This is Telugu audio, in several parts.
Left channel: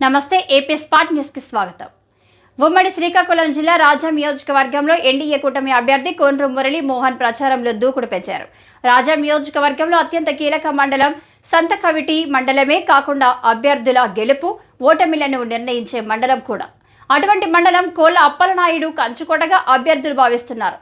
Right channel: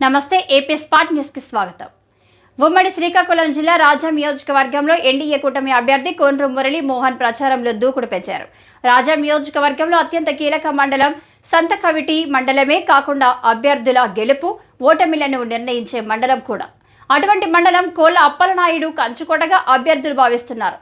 నమస్తే ఏపీ స్పాట్ న్యూస్కి స్వాగతం. ఉమ్మడి శ్రీకాకుళం జిల్లా రాజాం నియోజకవర్గంలో ఎన్డీఏ కూటమి అభ్యర్థి కోన్రు మురళి మోహన్ ప్రచారంలో దూకుడు పెంచారు. రాజాం నియోజకవర్గంలో అత్యంత కీలక మండలం సంతకవిటి మండలమే కాకుండా అభ్యర్థుల గెలుపు ఓటమిలను నిర్ణయించే మండలం కూడా. అటువంటి మండలం కోళ్ళ అప్పలనాయుడు కంచుకోటగా అభ్యర్థులు భావిస్తున్నారు.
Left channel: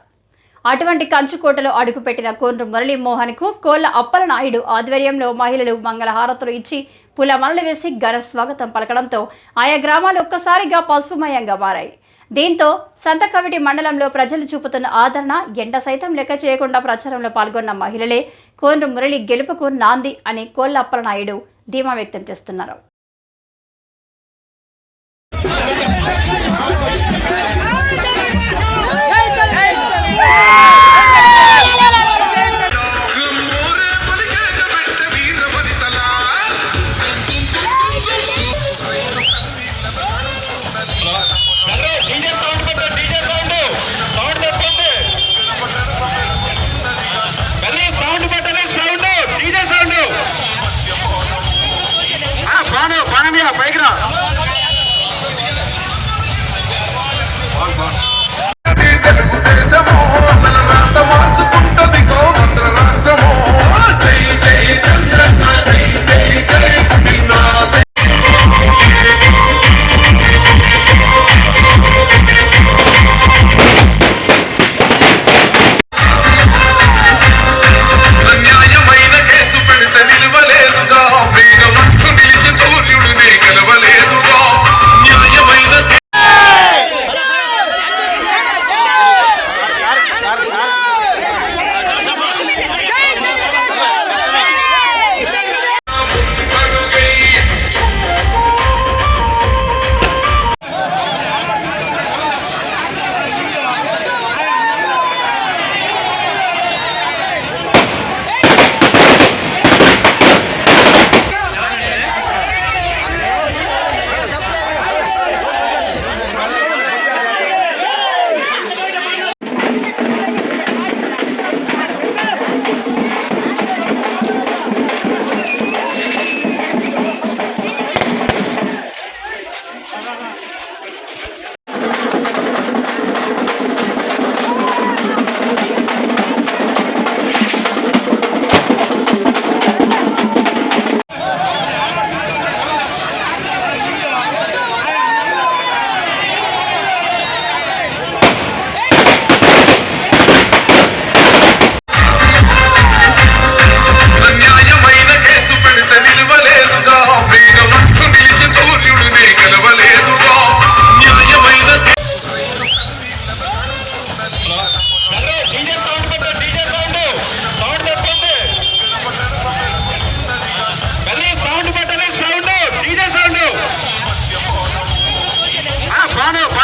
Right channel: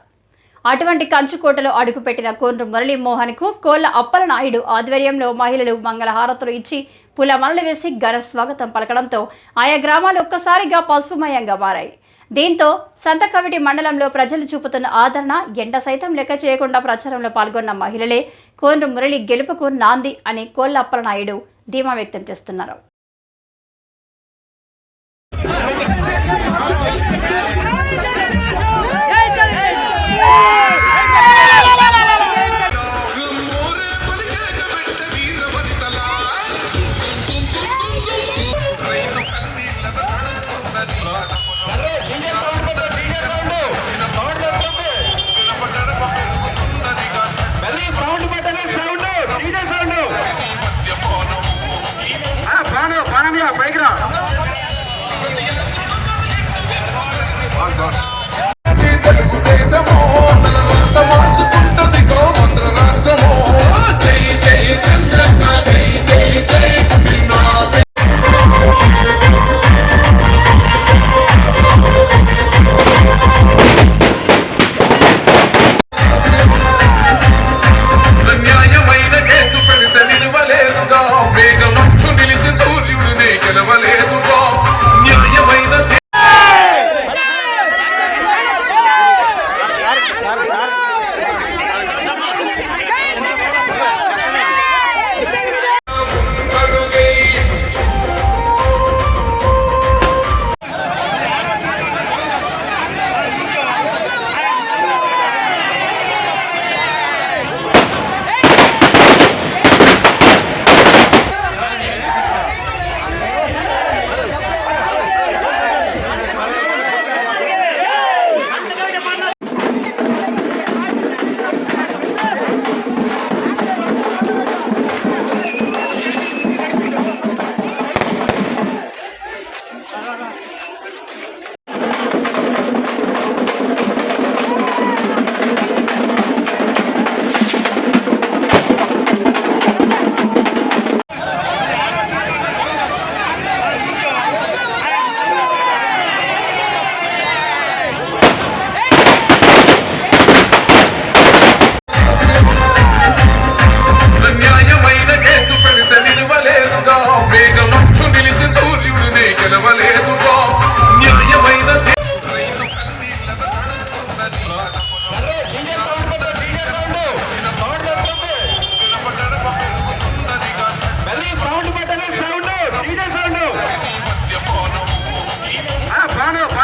అటువంటి కంచుకోటలో అడుగుపెట్టిన కోన్రు మురళీమోహన్కు కోళ్ళ అప్పలనాయుడు ఆధ్వర్యంలో మహిళలు మంగళహారతులు ఇచ్చి పులమలలు వేసి ఘన స్వాగతం పలకడంతో ఆయా గ్రామాలు ఒక్కసారిగా పసుపుమయంగా మారాయి. దీంతో సంతకవిటి మండలంలో ప్రజలు చూపుతున్న ఆదరణ ఎండ సైతం లెక్క చేయకుండా ప్రచారంలో పాల్గొన్న మహిళలే కోన్రు మురళి గెలుపుకు నాంది అని కోళ్ళప్పలనాయుడు ధీమా వ్యక్తం చేస్తున్నారు. பைக்ரா. பைக்ரா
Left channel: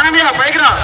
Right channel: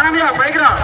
சாமியா பயக்கிறோம்